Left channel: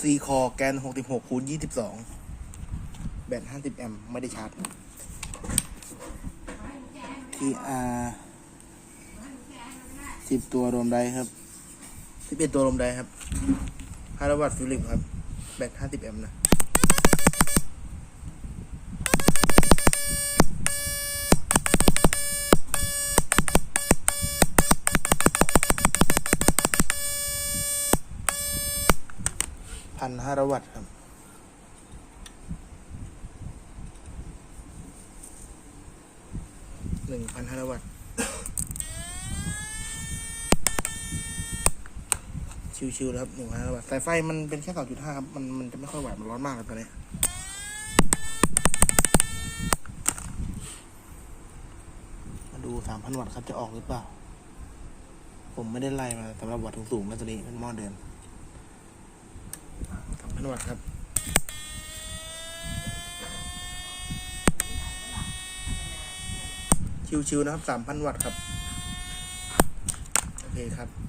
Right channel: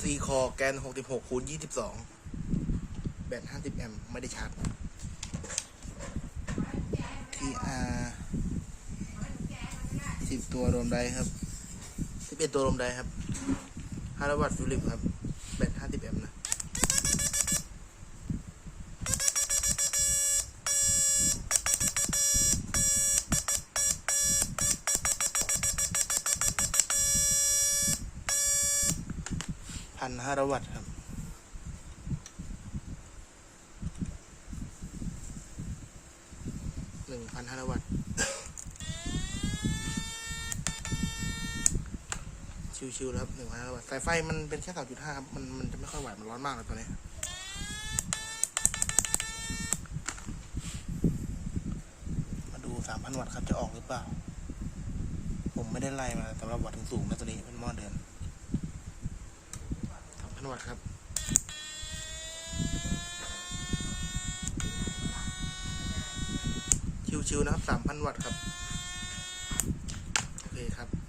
ซีคอแกนหกสิบหกคูณยี่สิบสองแบตห้าสิบแอมป์ไม่ได้ชาร์จทีอาร์สิบตัวรวมได้ครับสิบเอ็ดตัวรวมได้ครับห้าร้อยวัตต์ฟิลิปครับ แบตห้าสิบแอมป์นะ พันห้าร้อยวัตต์ครับ หนึ่งพันห้าร้อยวัตต์ ชิวๆแล้วครับหนึ่งพันห้าร้อยวัตต์ สายไฟมันเป็นแค่สองจุดห้าครับ มันมันจะไม่ค่อยไหว มันร้อนมากเลยตอนนี้มาดูสามพันวัตต์ครับจะออกหรือเปล่า ผมไม่ได้ไล่มาสำหรับวัตต์สูงๆนะตัวนี้เป็นหม้อเดิน นวัตครับชิวๆนะครับสามพันวัตต์ครับ โอเคครับ